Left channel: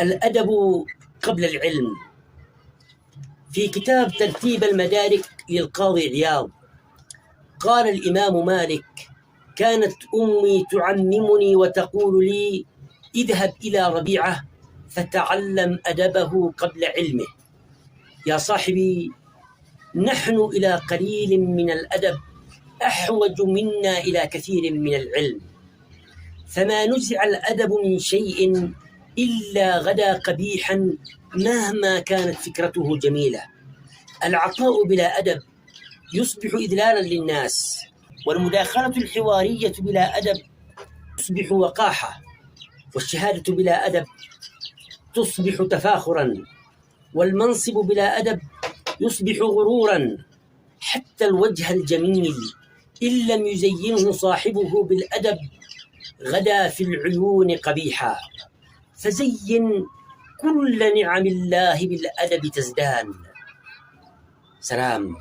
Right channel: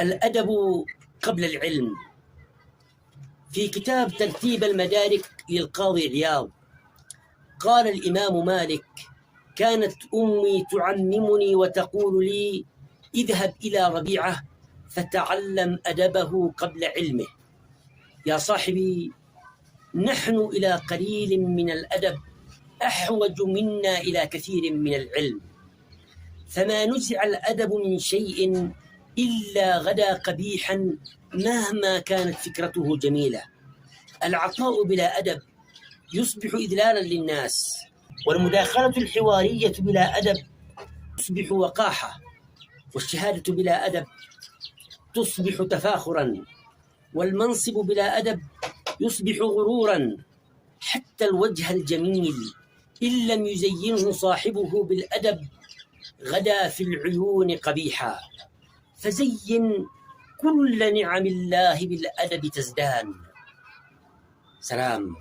الأدب قبل العلم. في كتاب ترتيب المدارك للقاضي عياض قال الإمام مالك: كانت أمي تعممني وتقول لي: اذهب إلى ربيعة فتعلم أدبه قبل علمه. يا صاحبي، نحن إلى قليل من الأدب أحوج منا إلى كثير من العلم، فما نزع الأدب من شيء إلا غدا قبيحا مهما كانت فكرته جميلة. العطاء بلا أدب يصبح إذلالا للناس، والمداخلة الحوارية بلا أدب تصبح وقاحة، والشهادة بلا أدب تصبح تفاخرا، والمنصب بلا أدب يصبح غرورا. حتى الوجه الجميل إن لم يزينه صاحبه بالأدب غدا في العيون قبيحا. فزين كل نعم الله بالأدب تزدان. سلام.